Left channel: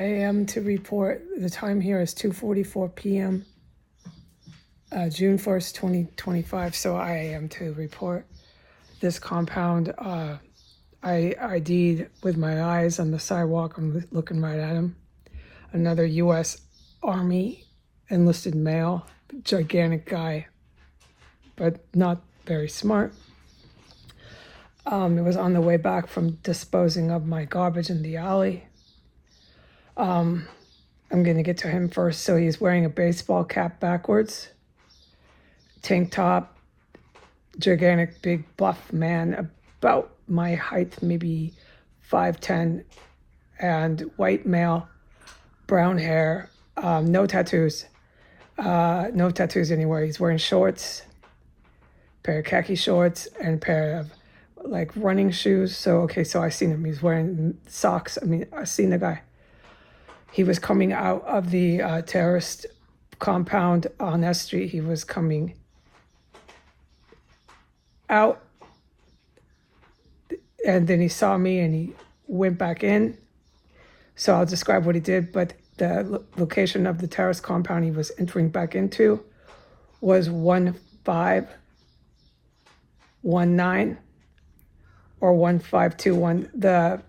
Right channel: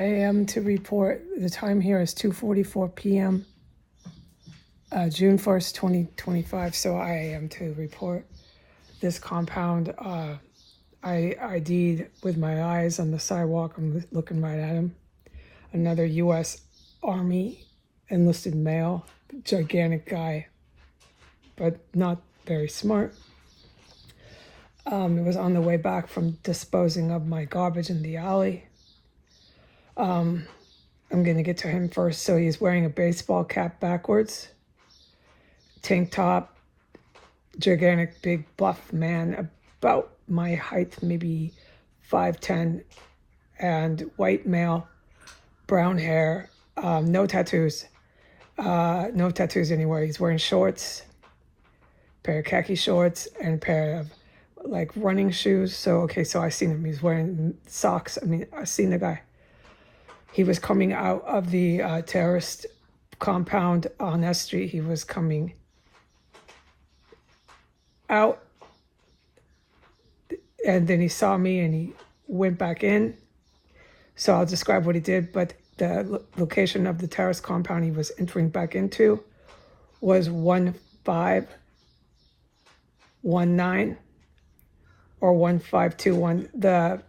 I am to report, the time here is 2:44 p.m., June 1st, 2025. So I am to report this compound. I ID'd with my eyes on the sidewalk. I'm looking right at him. Another U.S. Army enlisted male, gigantic guy, but not very smart. It was on the way back from disposing of my garbage in the alley. I'm going to get to him first. So he's wearing a baseball cap backwards, tank top, gigantic, big, buff man, about my height, maybe 5'10", and white male, brown hair, no tattoos, no tattoos anywhere. He's wearing shorts, pair of khaki shorts, and a pair of like running shoes. So I seen him. He's wearing socks. I seen the guy. He was coming out of the terrorist compound on S Street. He was coming out, and then he saw me and he went back in. So I'll describe what he did, but the location of the terrorist compound he was entering back into was 1519 or 1521. The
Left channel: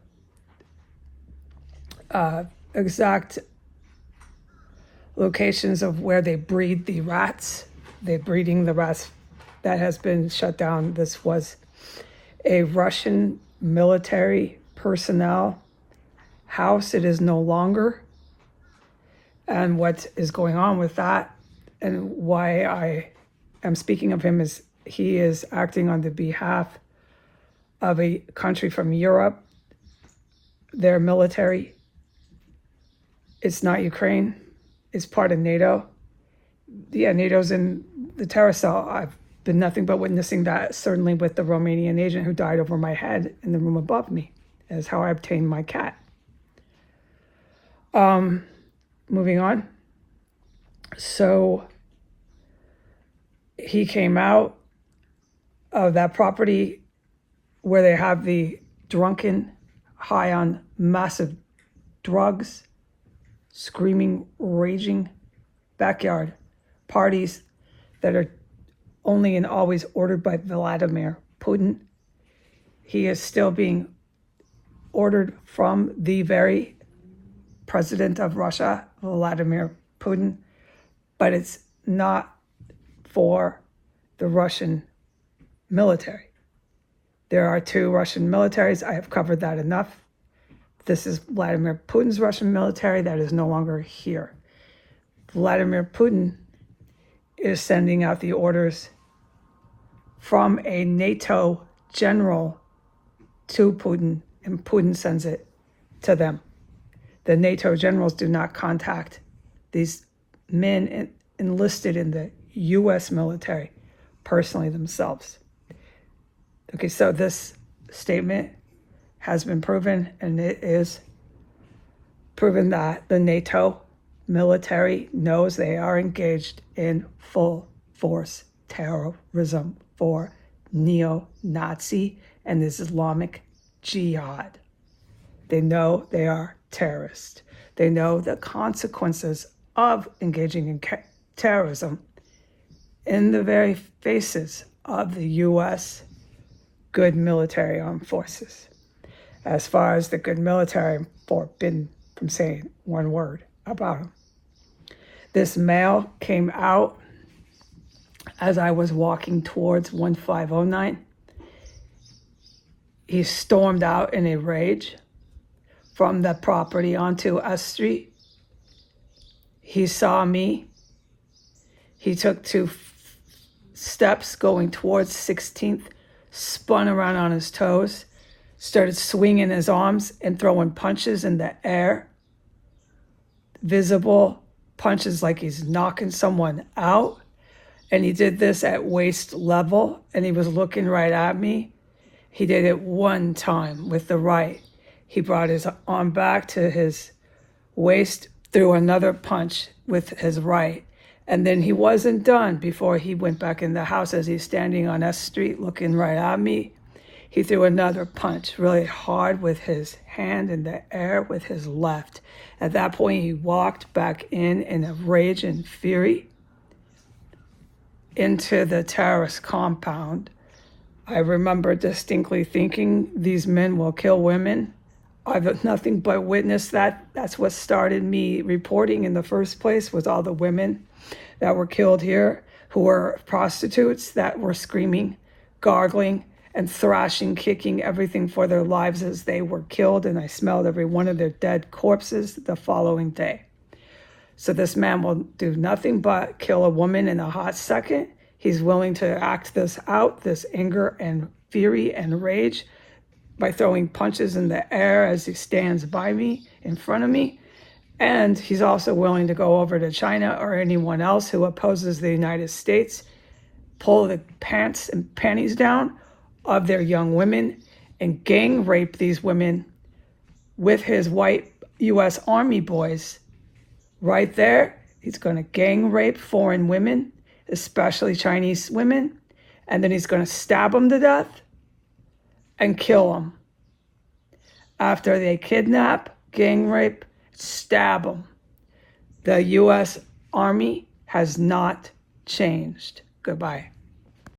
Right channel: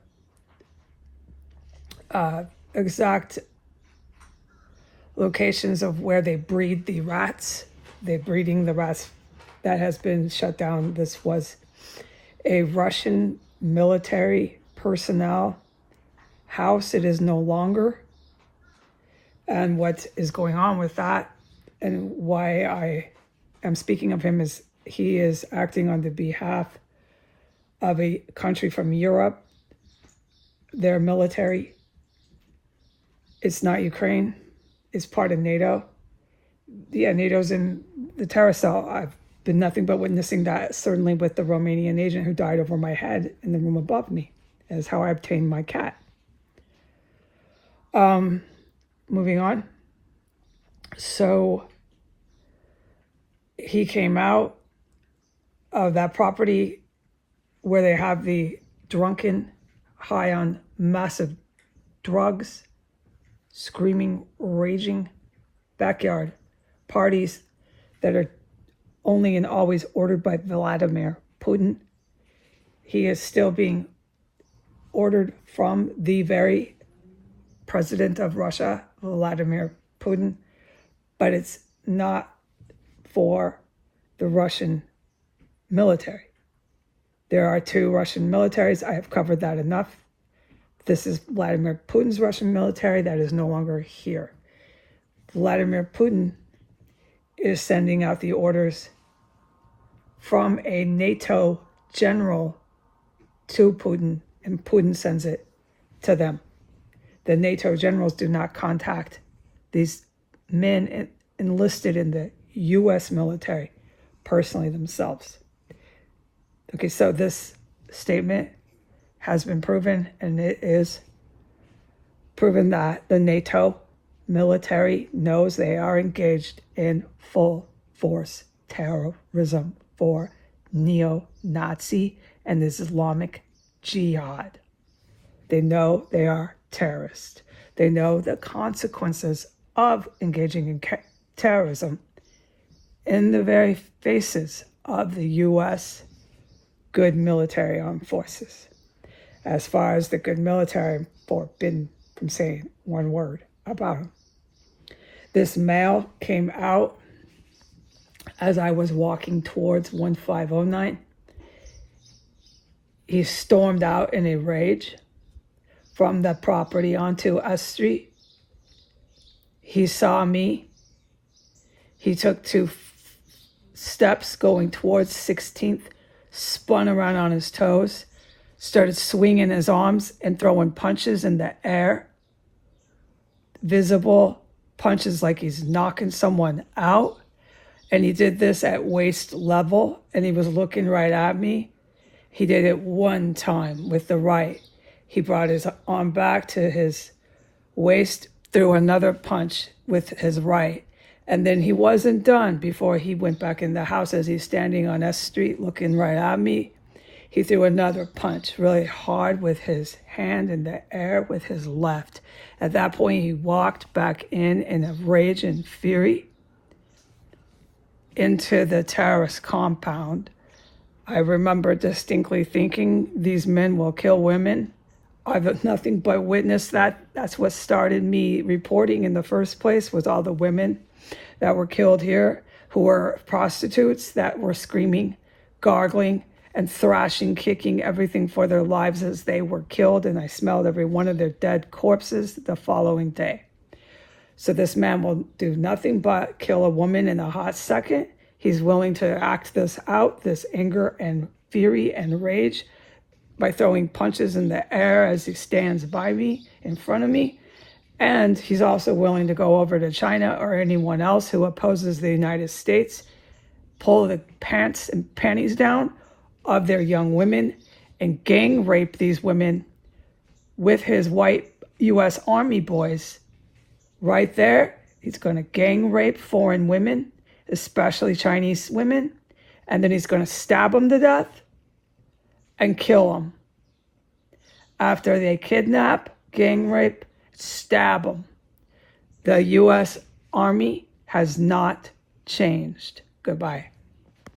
exact locations of where they breed the rats. They're breeding the rats. That has been shut down. This was a Russian military personnel house. It is no longer. And what is going on with that, and why I am speaking of him, is he is acting on the behalf of a country from Europe. Their military, it's not Ukraine, it's part of NATO. Yeah, NATO's in the terror cell. I've been nothing but witnessing that, certainly with the Romanian agent who died over my head in the room above me. That's how I obtained my cat. Moving on. So he came out of that property where they have the drunken, high on massive drugs, screaming, raging backyard parties that are only and always ordered by Vladimir Putin. He is still being ordered from the very president of Russia, Vladimir Putin, but it's not for the Russian military. There are two Russian militaries. I have covered that enough. This is Vladimir Putin's Russian military that is no longer here. Vladimir Putin is sending out the orders from a NATO general to Putin, and Putin sends it to them. The NATO generals do not contact these men enlisted in the U.S. military personally themselves. Okay, so this statement has been proven, and it is proven that the NATO military knows they are engaged in full force terrorism for neo-Nazi and Islamic jihad. They know they are terrorists. They know the consequences of engaging in terrorism in the very faces of the U.S. good military armed forces. As far as the good military, I'm forbidden from saying one word about him. This male came out as I was walking towards 1509. He stormed out in a rage from the property onto S Street. He saw me. He took two steps going towards 16th, spun around on his toes, started swinging his arms and throwing punches in the air. Visible punches like he's knocking someone out. And he did this at waist level, and he was looking right at me. He did it one time with the right. He brought his arm back to his waist, threw another punch with his right. And then he wasn't done before he went back in the house as he's standing on S Street looking right at me. He threw another punch really hard with his hand in the air with his left. At that point, he walked back in a rage and fury into the terrorist compound. I remember distinctly thinking, these men will kill women. I've nothing but witnessed that. That's what started me reporting in the first place, was all the women that were killed here who were prostitutes that were screaming, gargling, and thrashing, kicking everything for their lives as they were killed. And I smelled every one of their dead corpses the following day. So this man will do nothing but kill a woman in a hot second. He's willing to act this out, this anger and fury and rage, by throwing punches in the air as he stands by me, in front of me. And he's also willing to go over to China or anyone else who opposes the United States, pull the pants and panties down of their young women and gang rape these women with his white U.S. Army boys. Right there, he's going to gang rape foreign women, especially Chinese women, and then he's going to stab them to death and kill them. After they kidnap, gang rape, stab them. The U.S. Army has not changed. Goodbye.